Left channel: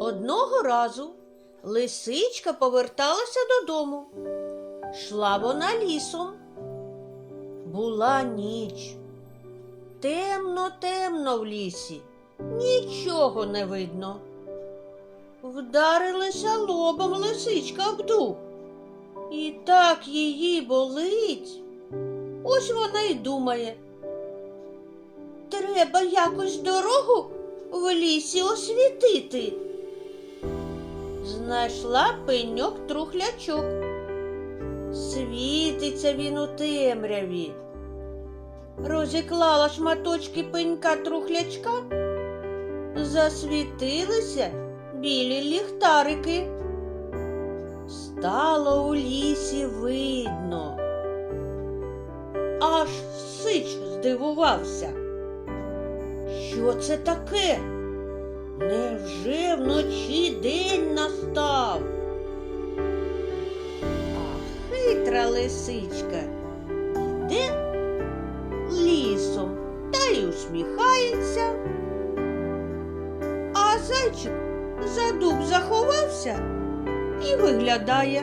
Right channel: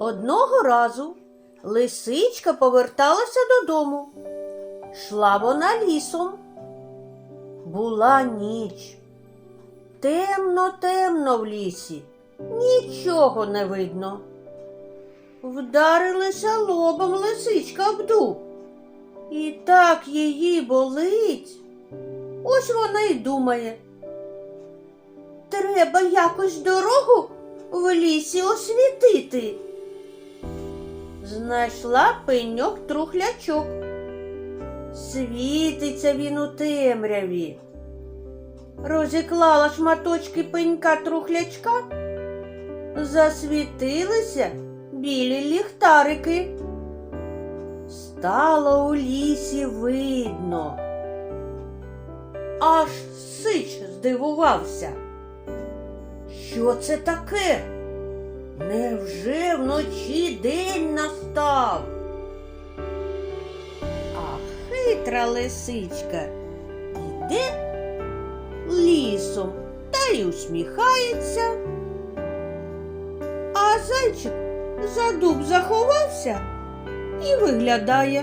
Одного разу лисичка поверталася додому. Шла вона лісом. Була ніч. Темно, темно в лісі, нічого не видно. Вдарилася лобом лисичка об дуб. І так її болить. Ось вона й думає. Треба якось дорогу в лісі освітити. Знайшла пеньок трухлячок. Світиться він у темряві. Розіклала шматочки пенька трухлячка, засвітилися білі ліхтарики. Стало у лісі видно. Аж сич здивувався. Що це таке? Невже вночі день хитра лисичка йде лісом та й усміхається. А зайчик за дуб заховався і виглядає.